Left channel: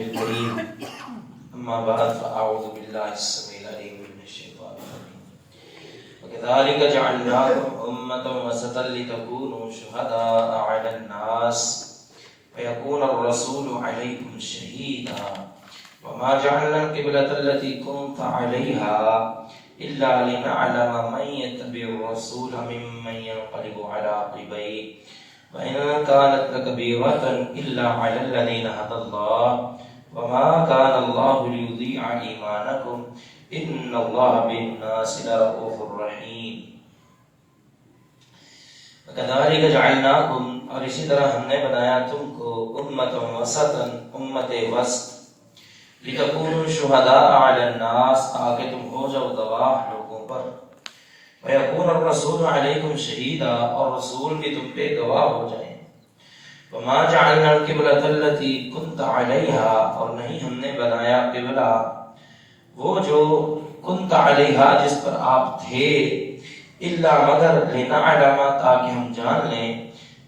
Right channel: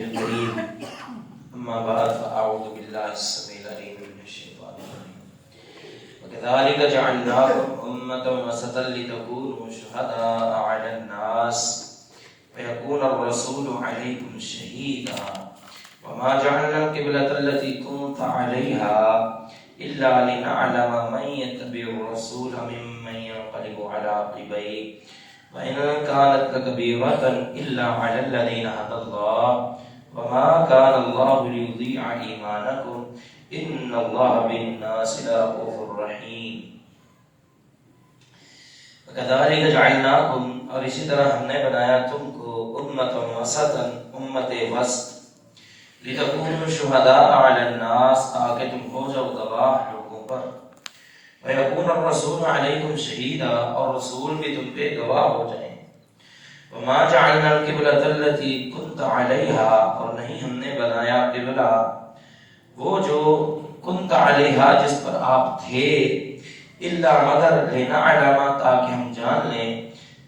الكريم أما بعد فأعوذ بالله السميع العليم من الشيطان الرجيم وكذلك جعلناكم أمة وسطا لتكونوا شهداء على الناس فيكون الرسول عليكم شهيدا وما جعلنا القبلة التي كنت عليها إلا لنعلم من يتبع الرسول ممن ينقلب على عقبيه وإن كانت لكبيرة إلا على الذين هدى الله وما كان الله ليضيع إيمانكم إن الله بالناس لرؤوف رحيم وكذلك جعلناكم اور اسی طرح ہم نے بنایا تم کو امة وسطا امت وسط لتكونوا شهداء على الناس تاکہ تم ہو جاؤ گواہ لوگوں پر ويكون الرسول عليكم شهيدا اور رسول بھی تم پہ گواہ ہو جائیں وما جعلنا القبلة التي كنت عليها اور نہیں ہم نے بنایا قبلہ وہ جو كنت عليها جس پر آپ تھے الا مگر لنعلم تاکہ ہم جان لیں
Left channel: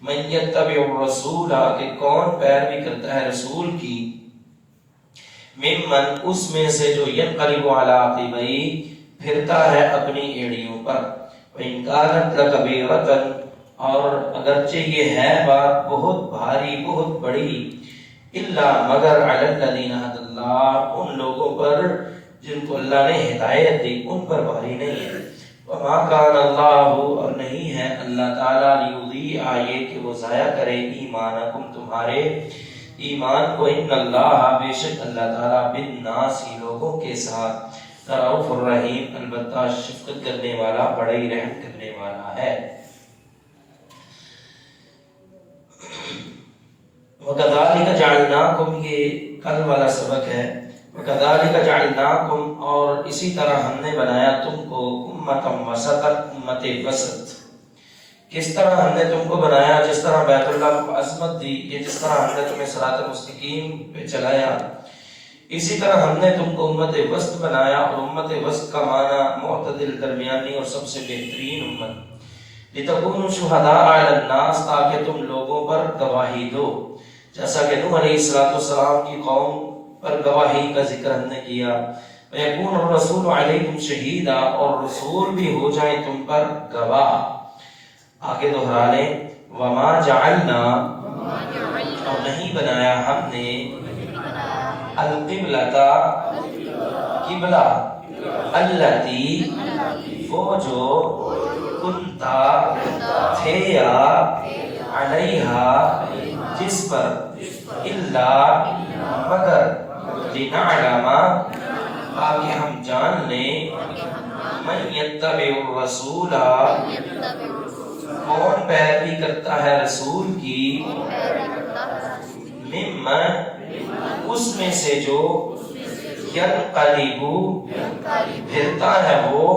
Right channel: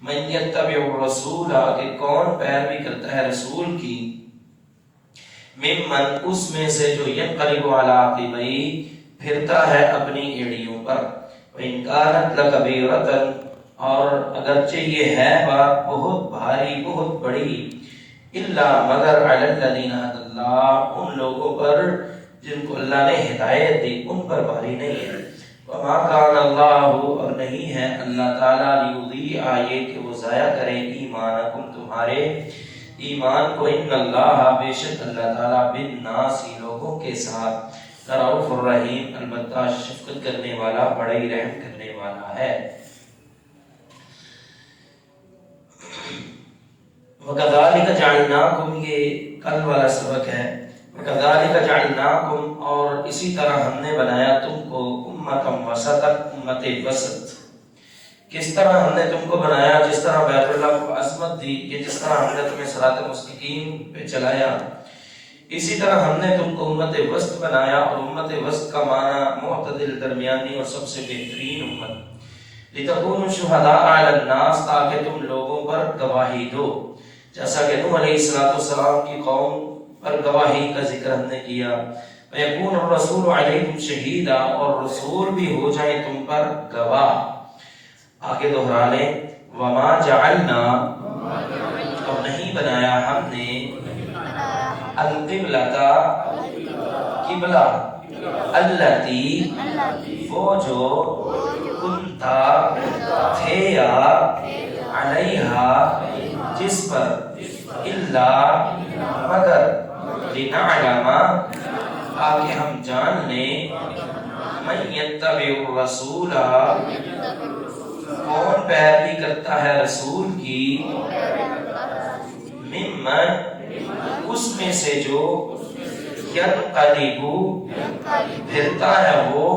من يتبع الرسول کہ کون پیروی کرتا ہے رسول کی ممن اس میں سے جو ينقلب على عقبيه پھرتا ہے اپنی ایڑیوں پر وَإِنْ كَانَتْ لَكَبِيرَةً اور اگرچہ یہ ہے بات بہت بھاری بہت بڑی الا مگر علی الذین ھدی اللہ ان لوگوں پر جن کو اللہ نے ہدایت دی ان پر بھاری نہیں ہے وما کان اللہ اور نہیں ہے اللہ تعالیٰ لیضیع یہ کہ وہ ضائع کرے ایمانکم تمہارے ایمان کو ان اللہ بے شک اللہ تعالیٰ بالناس لوگوں کے ساتھ رؤوف الرحیم البتہ شفقت کرنے والا بڑا ہی رحم کرنے والا ہے وَكَذَلِكَ جَعَلْنَاكُمْ یہ کل والا سبق ہے وَكَذَلِكَ جَعَلْنَاكُمْ اور اسی طرح ہم نے بنایا تم کو امۃ وسطا امت وسط کس طرح ہم نے تم کو بنایا جس طرح بیت اللہ کو عظمت دی کہ جس طرح ہم نے تمہیں صراط مستقیم پہ چلایا اسی طرح ہم نے تم کو امت وسط بنایا اور امت وسط کا معنی معتدل درمیانی اور سب سے بہترین امت لتکونوا شہداء علی الناس تاکہ تم لوگوں پر گواہی دو جیسا کہ نوح علیہ السلام کی قوم پر گواہی کا ذکر ہم نے کیا ویکون الرسول علیکم شہیدا اور رسول بھی ہو جائے تم پر گواہ آگے دہرا لیں وما جعلنا اور نہیں بنایا ہم نے القبلہ قبلہ التی وہ جو کنتا تھے یا علیہا جس پر الا مگر لنعلم تاکہ ہم جان لیں من یتبع الرسول کون پیروی کرتا ہے رسول کی ممن اس میں سے جو ینقلب پھرتا ہے وہ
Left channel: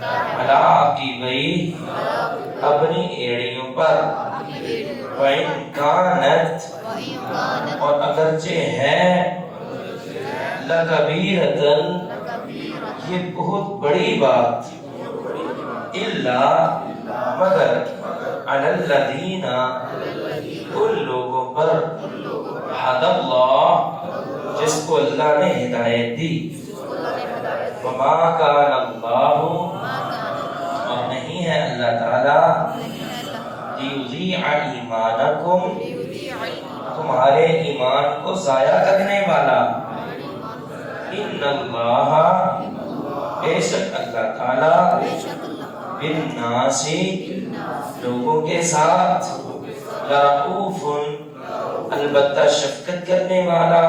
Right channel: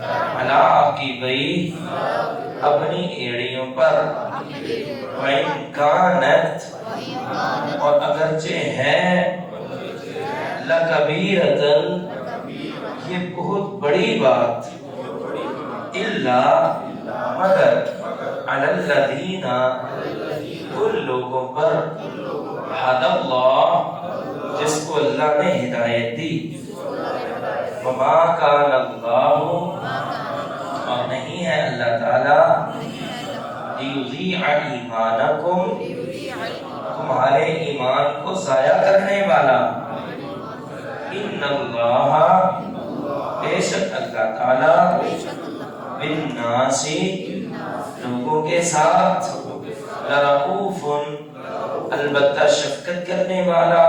علی عقبیہ اپنی ایڑیوں پر وَإِنْ كَانَتْ اور اگرچہ ہے لَكَبِيرَةً یہ بہت بڑی بات اِلَّا مگر عَلَى الَّذِينَ ان لوگوں پر ہدی اللہ جس کو اللہ نے ہدایت دی وَمَا كَانَ اللَّهُ اور نہیں ہے اللہ تعالیٰ لیضیع ایمانکم تمہارے ایمان کو ضائع کرنے والا ان اللہ بے شک اللہ تعالی بالناس لوگوں کے ساتھ رؤوف البتہ شفقت کرنے والا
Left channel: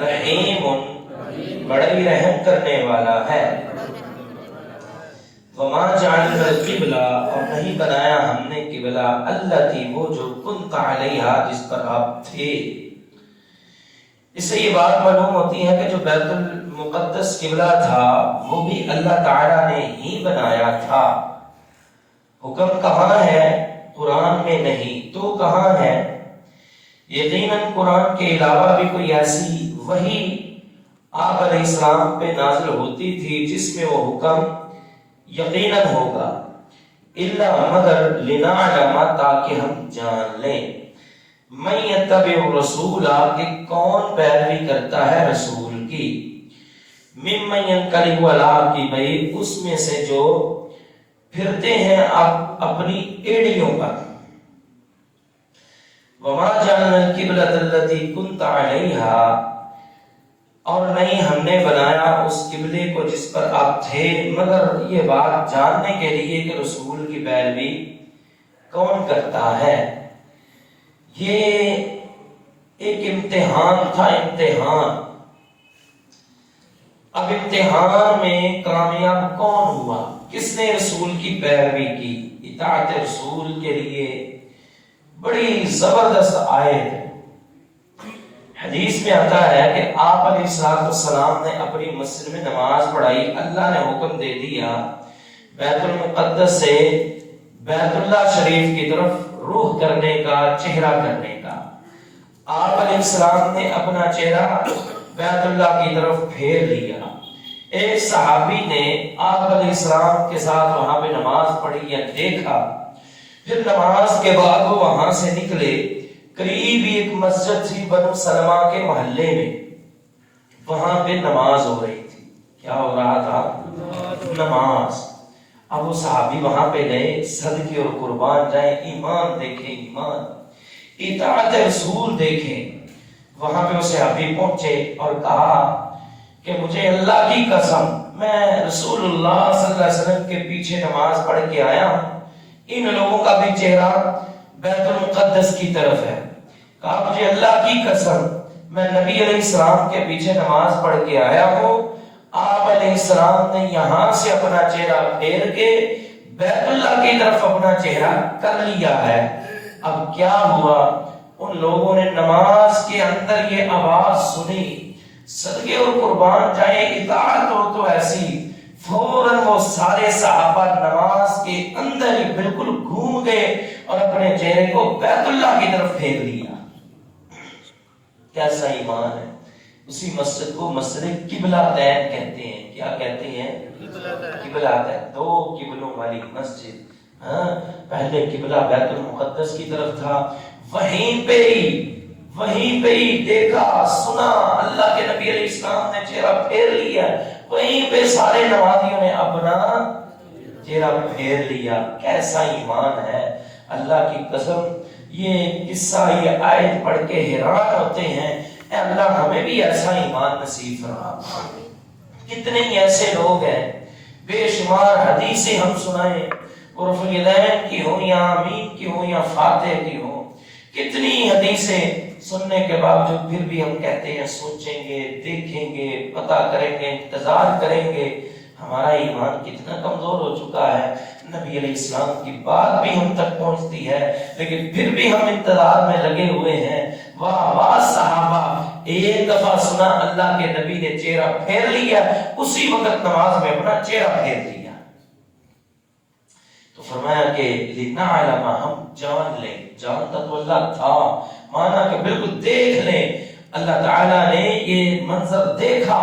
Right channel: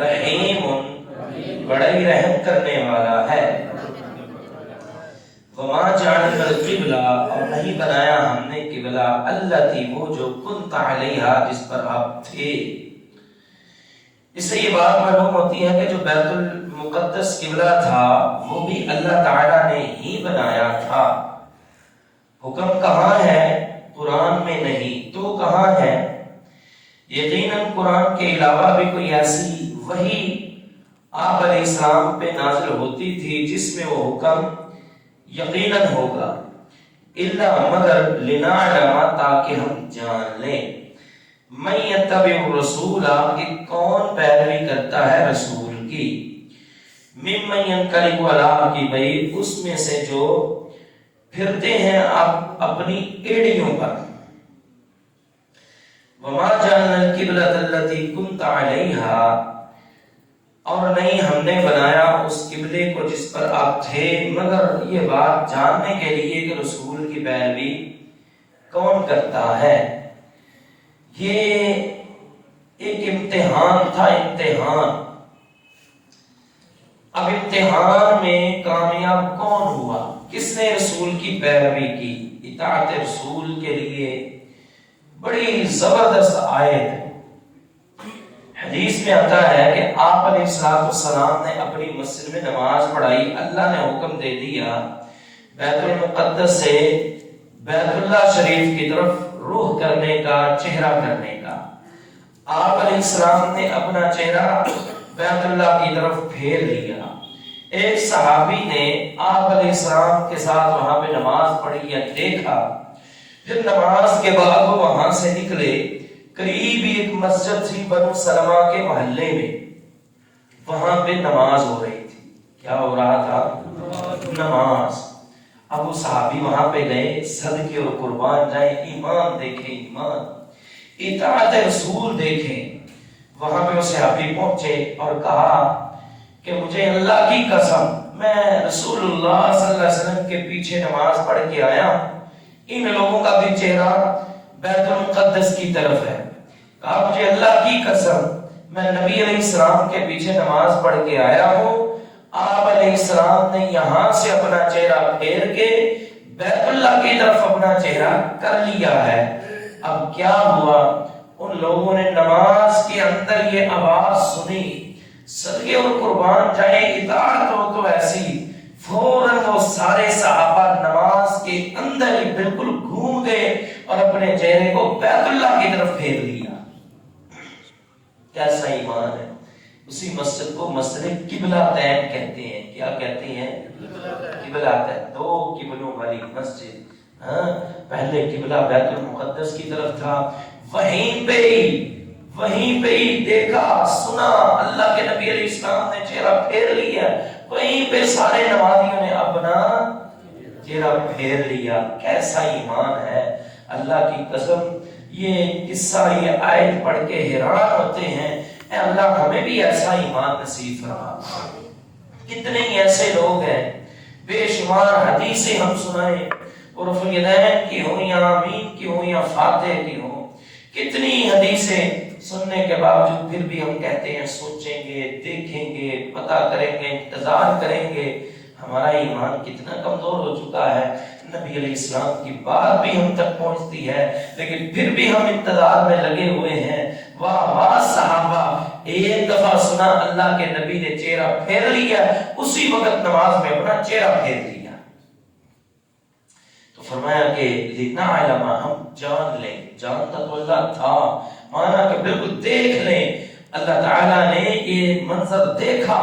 رحیم بڑا ہی رحم کرنے والا ہے وما جعلنا القبلہ اور نہیں بنایا ہم نے قبلہ التی وہ جو کنت علیہا جس پر آپ تھے اس سے یہ بات معلوم ہوتی ہے کہ جو بیت المقدس قبلہ تھا وہ بھی اللہ تعالیٰ نے ہی بنایا تھا حکم کہاں ہے قرآن میں نہیں تو کہاں ہے یقیناً قرآن کے علاوہ بھی کوئی ایسی وحی آپ علیہ السلام پہ نازل ہوتی تھی جس میں وہ حکم یقیناً ہوگا الا مگر لنعلم تاکہ ہم جان لیں من یتبع الرسول کہ کون پیروی کرتا ہے رسول کی، ممن ینقلب علی عقبیہ اس میں سے جو پھرتے ہیں اپنی ایڑیوں پر، وما جعلنا القبلۃ التی کنت علیہا اور نہیں ہم نے بنایا اس قبلے کو جس پر آپ تھے، مگر یہ بات جاننے کے لیے کہ رسول کی پیروی کون کرتا ہے۔ یہ ایک امتحان تھا، امتحان۔ اب امتحان میں کامیاب کون ہوا؟ کس نے رسول کی پیروی کی؟ اطاعت رسول کے لیے بڑی زبردست آیت حدیث میں آتا ہے کہ آپ علیہ السلام نے اپنی مسجد میں نماز پڑھائی، اللہ نے حکم دے دیا بیت المقدس سے بیت اللہ شریف کی طرف روح کرنے کا، چہرہ کرنے کا۔ آپ علیہ السلام نے اپنا چہرہ بیت اللہ کی طرف پھیر لیا۔ ایک صحابی نے آپ علیہ السلام کے ساتھ وہاں پہ نماز پڑھی یا دیکھا، پھر نماز کے بعد وہ وہاں سے نکلے، قریب ایک مسجد تھی بنو سلمہ کے محلے میں، وہاں پہ نماز ہو رہی تھی۔ کیا ہو رہا تھا؟ نماز۔ اب وہ صحابی وہاں پہ گئے، صدقے اور قربان جائیں، ایمان دیکھیں، ایمان، اطاعت رسول دیکھیں۔ وہاں پہ وہ صحابی پہنچے اور کہا کہ مجھے اللہ کی قسم میں رسول اللہ صلی اللہ علیہ وسلم کے پیچھے نماز پڑھ کے آیا ہوں، ان لوگوں کا بھی چہرہ بیت المقدس کی طرف ہے۔ کہا مجھے اللہ کی قسم میں نبی علیہ السلام کے پیچھے نماز پڑھ کے آیا ہوں، آپ علیہ السلام نے یہاں سے اپنا چہرہ پھیر کے بیت اللہ کی طرف اپنا چہرہ کر لیا ہے۔ اب کیا ہوا؟ ان لوگوں نے نماز کے اندر یہ آواز سنی، صدقے اور قربان جائیں، اطاعت ہو تو ایسی، فوراً وہ سارے صحابہ نماز کے اندر ہی بالکل گھوم گئے اور اپنے چہرے کو بیت اللہ کی طرف پھیر لیا۔ کیسا ایمان ہے! اسی مسجد کو مسجد قبلہ تین کہتے ہیں۔ کیا کہتے ہیں؟ قبلہ تین، دو قبلوں والی مسجد۔ پہلے قبلہ بیت المقدس کی طرف تھا، وہیں پہ ہی دیکھا، سنا، اللہ کے نبی علیہ السلام نے چہرہ پھیر لیا، وہیں پہ سارے نمازیوں نے اپنا چہرہ پھیر لیا۔ کیسا ایمان ہے! اللہ کی قسم یہ قصہ، یہ آیت پڑھ کے حیران ہوتے ہیں، اے اللہ ہمیں بھی ایسا ایمان نصیب فرما۔ کتنے ہی ایسے لوگ ہیں، بے شمار حدیثیں ہم سنائیں، رفع الیدین کی ہوں یا آمین کی ہوں یا فاتح کی ہوں، کتنی حدیثیں سننے کے باوجود پھر بھی ہم کہتے ہیں سوچیں گے، دیکھیں گے، پتہ کریں گے، انتظار کریں گے۔ ہمارا ایمان کتنا کمزور ہو چکا ہے۔ نبی علیہ السلام کی بات بھی ہم تک پہنچتی ہے لیکن پھر بھی ہم انتظار میں لگے ہوئے ہیں۔ واہ واہ صحابہ، ایک دفعہ سنا اللہ کے نبی نے چہرہ پھیر لیا، اسی وقت نماز میں اپنا چہرہ پھیر لیا۔ تو فرمایا کہ لنعلم، ہم جان لیں، جانتا تو اللہ تھا، مانا کہ بالکل دیکھ لیں، اللہ تعالیٰ نے یہ منظر دیکھا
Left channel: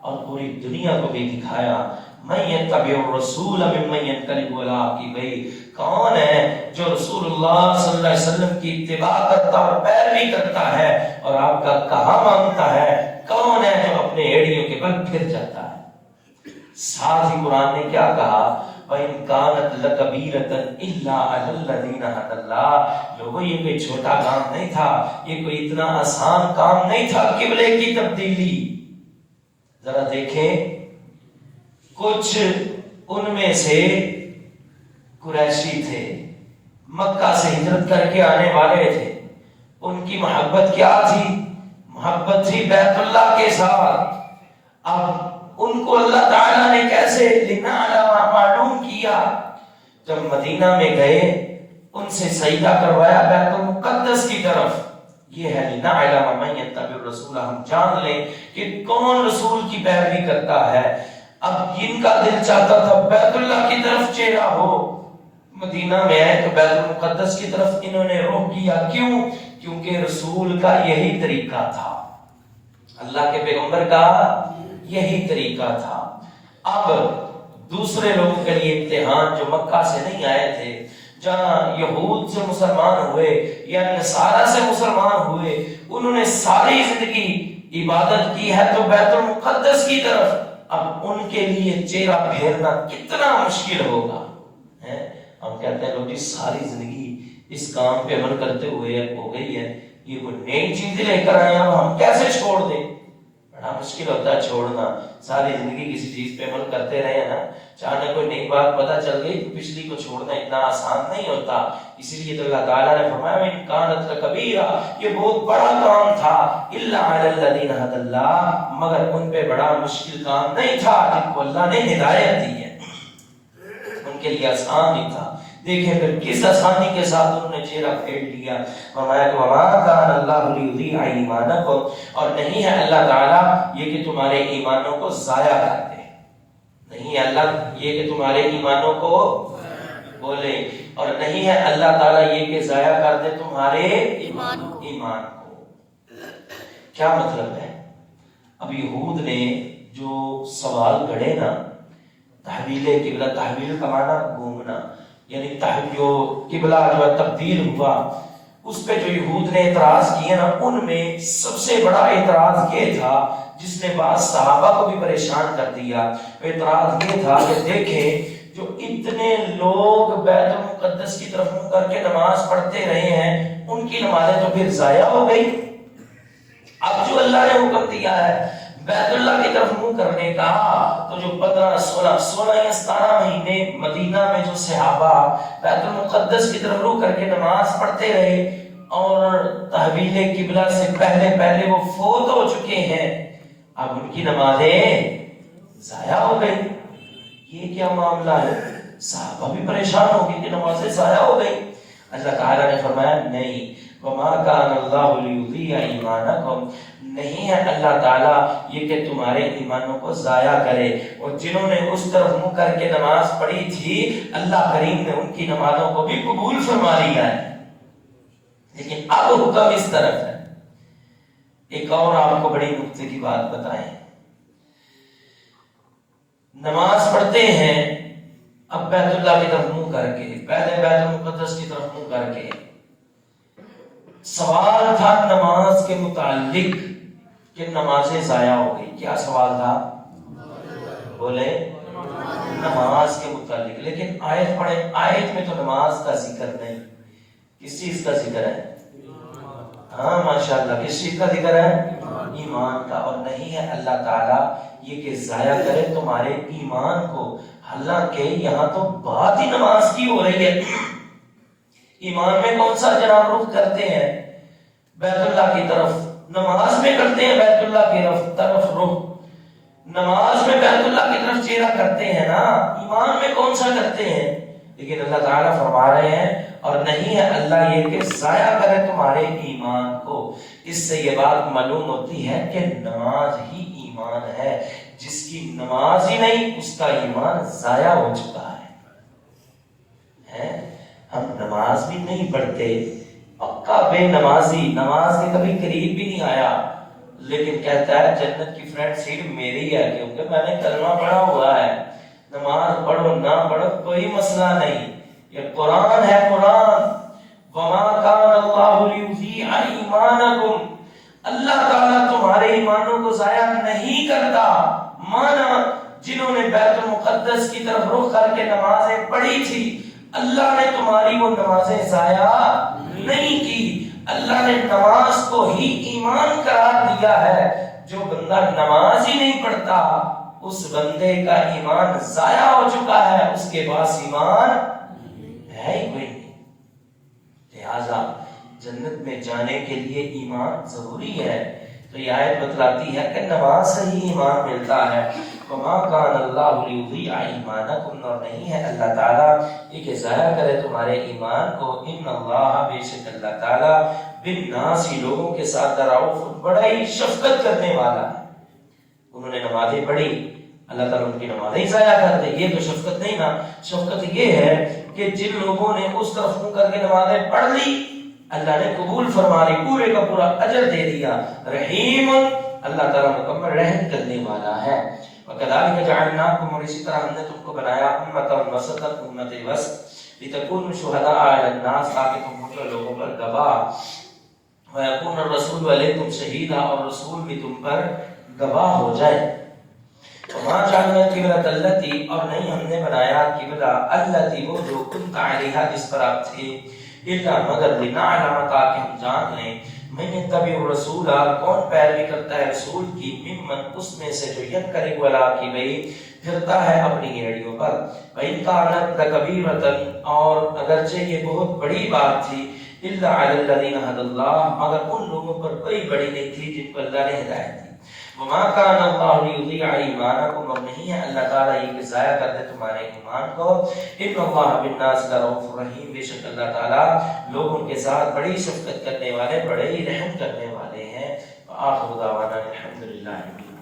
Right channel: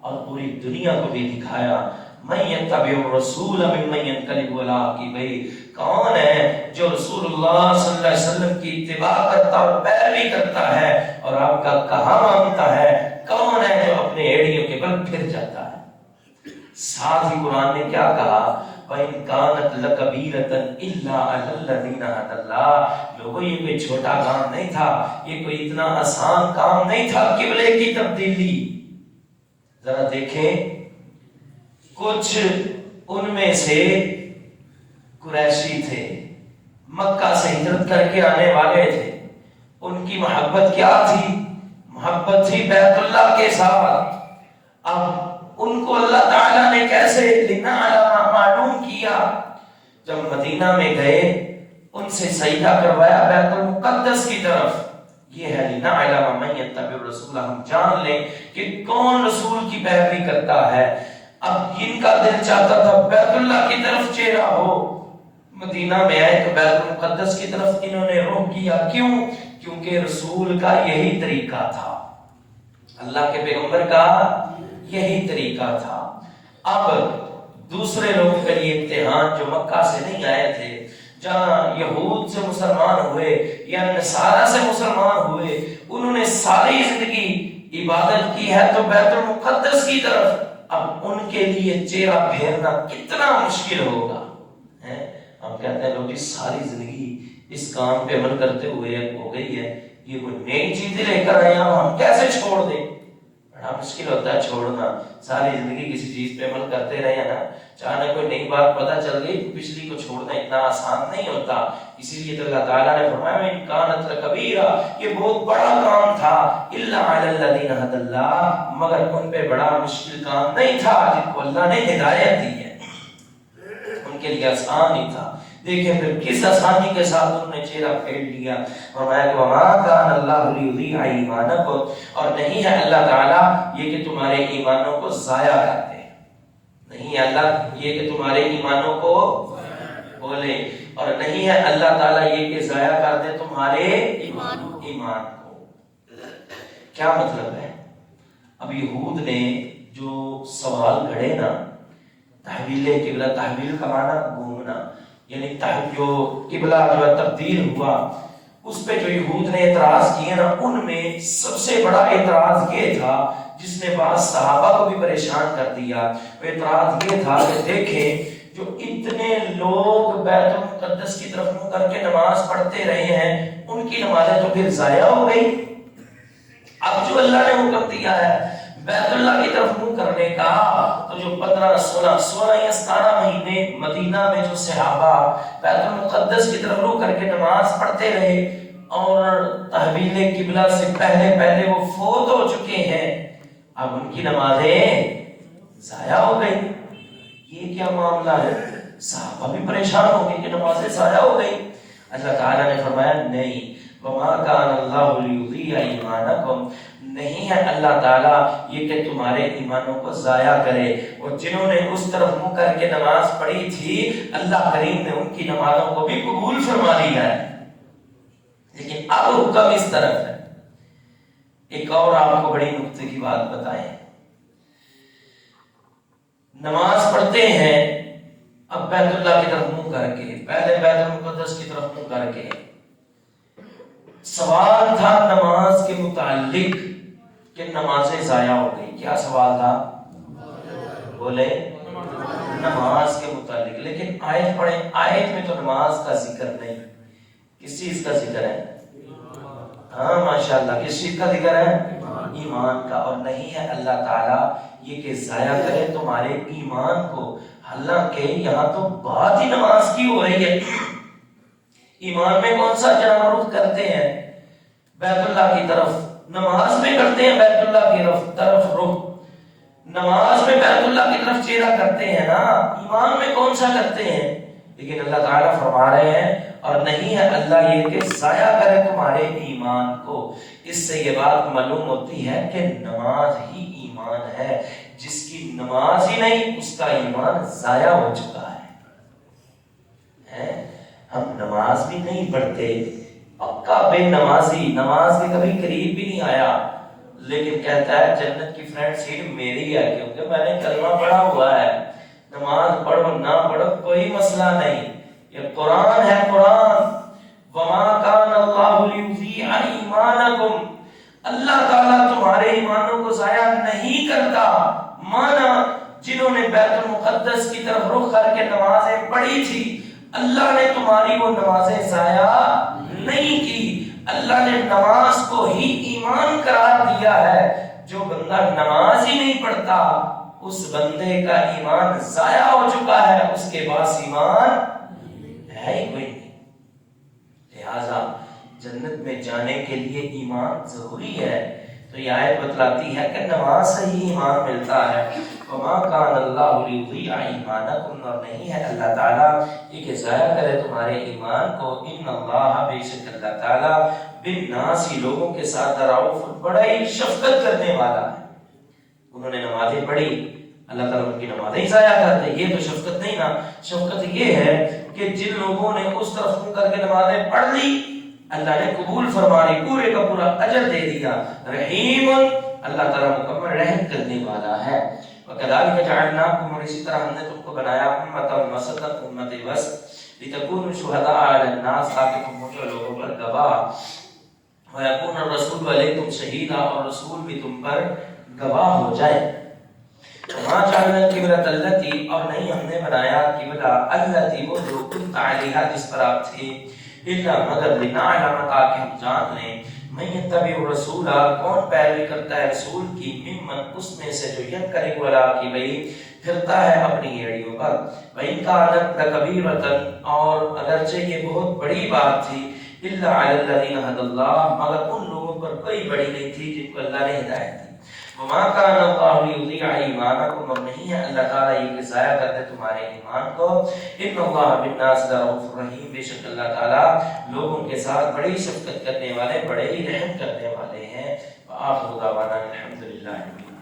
اور پوری دنیا کو بھی دکھایا۔ من یتبع الرسول ممن ینقلب علی عقبیہ، کون ہے جو رسول اللہ صلی اللہ علیہ وسلم کی اتباع کرتا اور پیروی کرتا ہے اور آپ کا کہا مانتا ہے؟ کون ہے جو اپنے ایڑیوں کے بل پھر جاتا ہے؟ ساتھ ہی قرآن نے کیا کہا؟ وَإِن كَانَتْ لَكَبِيرَةً إِلَّا عَلَى الَّذِينَ هَدَى اللَّهُ، لوگوں یہ کوئی چھوٹا کام نہیں تھا، یہ کوئی اتنا آسان کام نہیں تھا قبلے کی تبدیلی۔ ذرا دیکھیں، کچھ ان میں سے قریشی تھے، مکہ سے ہجرت کر کے آنے والے تھے، ان کی محبت کیا تھی؟ محبت تھی بیت اللہ کے ساتھ۔ اب ان کو اللہ تعالیٰ نے کیسے معلوم کیا؟ جب مدینہ میں گئے، ان سے سجدہ کروایا بیت المقدس کی طرف۔ یہ ہے لنعلم من یتبع الرسول، ہم جان لیں کہ کون رسول کی پیروی کرتا ہے۔ اب جن کا دل چاہتا تھا بیت اللہ کی طرف چہرہ ہو، مدینہ میں آئے تو بیت المقدس کی طرف انہوں نے رخ کیا۔ کیوں؟ کیونکہ رسول کا یہی طریقہ تھا، اللہ کے پیغمبر کا یہی طریقہ تھا۔ اب دوسرے لوگوں کے لیے امتحان جو مکہ سے نہیں آئے تھے، جہاں یہود سے مسلمان ہوئے یا نصارہ سے مسلمان ہوئے، انہوں نے ساری زندگی عبادت کی ہے تو بیت المقدس کی طرف، اب ان کے لیے چہرہ پھیرنا کتنا مشکل ہوگا۔ ہم کہتے ہیں لوگ ساری زندگی اس کام پہ عمل کرتے ہوئے ہو گئی ہے، یہ کوئی نئی چیزیں لے کر آئے ہم کیسے چھوڑ دیں؟ بڑا مشکل ہوتا ہے چھوڑنا، ساری زندگی کسی چیز پہ عمل کرتے رہے ہیں نا، چاہے کوئی نئی بات پتہ چل گئی پچھلی کو چھوڑنا اتنا آسان نہیں ہوتا۔ اسی لیے اللہ تعالیٰ نے فرمایا ان کانت لکبیرہ، یہ بہت بڑا کام تھا، الا علی الذین ھدی اللہ، مگر ان پہ بڑا مشکل کام نہیں تھا جن کو اللہ نے ہدایت دی ہے، ان کے لیے آسان ہی تھا۔ دیکھیں پھر کس آسانی کے ساتھ انہوں نے چہرہ پھیر لیا، فرمایا کہ وما کان اللہ لیضیع ایمانکم، اور نہیں ہے اللہ تعالیٰ یہ کہ تمہارے ایمانوں کو ضائع کر دے، نہیں ہے اللہ یہ کہ تمہارے ایمانوں کو بولے، اور نہیں ہے اللہ تعالیٰ یہ کہ ضائع کر دے تمہارے ایمان کو۔ کیا مطلب ہے؟ اب یہود نے جو سوال گھڑے نا، تحویل قبلہ، تحویل کا معنی گھومنا، یعنی جو قبلہ جو تبدیل ہوا، اس پہ جو یہود نے اعتراض کیے نا، ان میں سب سے بڑا اعتراض یہ تھا جس نے بعض صحابہ کو بھی پریشان کر دیا، اعتراض یہ تھا کہ دیکھیں جو اتنے لوگ بیت المقدس کی طرف منہ کر کے نماز پڑھتے رہے ہیں، ان کی نمازیں تو پھر ضائع ہو گئی۔ اب جو اللہ نے حکم دیا ہے بیت اللہ کی طرف منہ کرنے کا، تو جو 15 16 یا 17 مہینے مدینہ میں جو صحابہ بیت المقدس کی طرف رخ کر کے نماز پڑھتے رہے اور تحویل قبلہ سے پہلے وہ فوت ہو چکے ہیں، اب ان کی نمازیں ضائع ہو گئی۔ یہ کیا معاملہ ہے؟ صحابہ بھی پریشان ہو گئے کہ نمازیں ضائع ہو گئی۔ اللہ تعالیٰ نے فرمایا نہیں، وما کان اللہ لیضیع ایمانکم، نہیں ہے اللہ تعالیٰ یہ کہ تمہارے ایمانوں کو ضائع کرے، اور جنہوں نے اس طرف منہ کر کے نماز پڑھی تھی اللہ کریم نے ان کی نمازوں کو بھی قبول فرما لیا ہے، لیکن اب حکم اس طرف ہے۔ ایک اور آپ کو بڑی نکتے کی بات بتائیں، نماز پڑھتے ہیں اب بیت اللہ کی طرف منہ کر کے، پہلے بیت المقدس کی طرف منہ کر کے، سوال تھا نماز کے متعلق کہ نمازیں ضائع ہو گئی، کیا سوال تھا؟ بولے نماز کے متعلق، لیکن آیت پڑھیں، آیت میں تو نماز کا ذکر نہیں، کس چیز کا ذکر ہے؟ ہاں ماشاءاللہ، کس چیز کا ذکر ہے؟ ایمان کا، اور نہیں ہے اللہ تعالیٰ یہ کہ ضائع کرے تمہارے ایمان کو، حالانکہ یہاں تو بات ہی نماز کی ہو رہی ہے۔ ایمان میں کون سا جناب کرتے ہیں؟ بیت اللہ کی طرف، نماز میں کرتے ہیں بیت اللہ کی طرف رخ، نماز میں بیت اللہ کی طرف چہرہ کرتے ہیں نا، ایمان میں کون سا کرتے ہیں؟ لیکن اللہ تعالیٰ فرما رہے ہیں اور نہیں ہے اللہ یہ کہ ضائع کرے تمہارے ایمان کو۔ اس سے یہ بات معلوم ہوتی ہے کہ نماز ہی ایمان ہے، جس کی نماز ہی نہیں اس کا ایمان ضائع ہو چکا ہے۔ ہم نماز بھی نہیں پڑھتے، پکا بے نمازی، نماز کے کبھی قریب بھی نہیں آیا، لیکن کہتا ہے جنت کی فرنٹ سیٹ میری ہے کیونکہ میں نے کلمہ پڑھا ہوا ہے۔ نماز پڑھو نہ پڑھو کوئی مسئلہ نہیں، یہ قرآن ہے، قرآن وما کان اللہ لیضیع ایمانکم، اللہ تعالیٰ تمہارے ایمانوں کو ضائع نہیں کرتا۔ مانا جنہوں نے بیت المقدس کی طرف رخ کر کے نمازیں پڑھی تھی، اللہ نے تمہاری وہ نمازیں ضائع نہیں کی، اللہ نے نماز کو ہی ایمان قرار دیا ہے۔ جو بندہ نماز ہی نہیں پڑھتا اس بندے کا ایمان ضائع ہو چکا ہے، اس کے پاس ایمان ہے ہی کوئی نہیں۔ لہذا جنت میں جانے کے لیے ایمان ضروری ہے، تو یہ آیت بتلاتی ہے کہ نماز سے ہی ایمان ملتا ہے۔ وما کان اللہ لیضیع ایمانکم، اور نہیں ہے اللہ تعالیٰ یہ کہ ضائع کرے تمہارے ایمان کو۔ ان اللہ، بے شک اللہ تعالیٰ، بالناس، لوگوں کے ساتھ رؤوف، بڑا ہی شفقت کرنے والا ہے۔ انہوں نے نمازیں پڑھی، اللہ تعالیٰ ان کی نمازیں ضائع کر دے، یہ تو شفقت نہیں نا۔ شفقت یہ ہے کہ جن لوگوں نے اس طرف منہ کر کے نمازیں پڑھ لی اللہ نے قبول فرما لی، پورے کا پورا اجر دے دیا۔ رحیم، اللہ تعالیٰ مکمل رحم کرنے والا ہے۔ وَكَذَلِكَ جَعَلْنَاكُمْ، اور اسی طرح ہم نے تم کو بنایا امۃ وسطا، امت وسط، لتکونوا شہداء علی الناس، تاکہ تم ہو جو لوگوں پر گواہ، ویکون الرسول علیکم شہیدا، اور رسول بھی تم پر گواہ ہو جائے۔ وما جعلنا القبلة التي، اور نہیں ہم نے بنایا قبلہ التي وہ جو كنت علیہا جس پر آپ تھے، الا مگر لنعلم تاکہ ہم جان لیں من یتبع الرسول کون پیروی کرتا ہے رسول کی، ممن اس میں سے جو یتبع ولا کی بھئی پھرتا ہے اپنی ایڑیوں پر، وَإِنْ كَانَتْ لَكَبِيرَةً اور اگرچہ یہ بہت بڑی بات تھی، الا علی الذین هدى اللہ مگر ان لوگوں پر کوئی بڑی نہیں تھی جن کو اللہ نے ہدایت دی۔ وما كان الله ليضيع ایمانکم، اور نہیں ہے اللہ تعالیٰ یہ کہ ضائع کر دے تمہارے ایمان کو، ان اللہ بالناس لرؤوف رحیم، بے شک اللہ تعالیٰ لوگوں کے ساتھ بڑی شفقت کرنے والے، بڑے ہی رحم کرنے والے ہیں۔ وآخر دعوانا الحمدللہ۔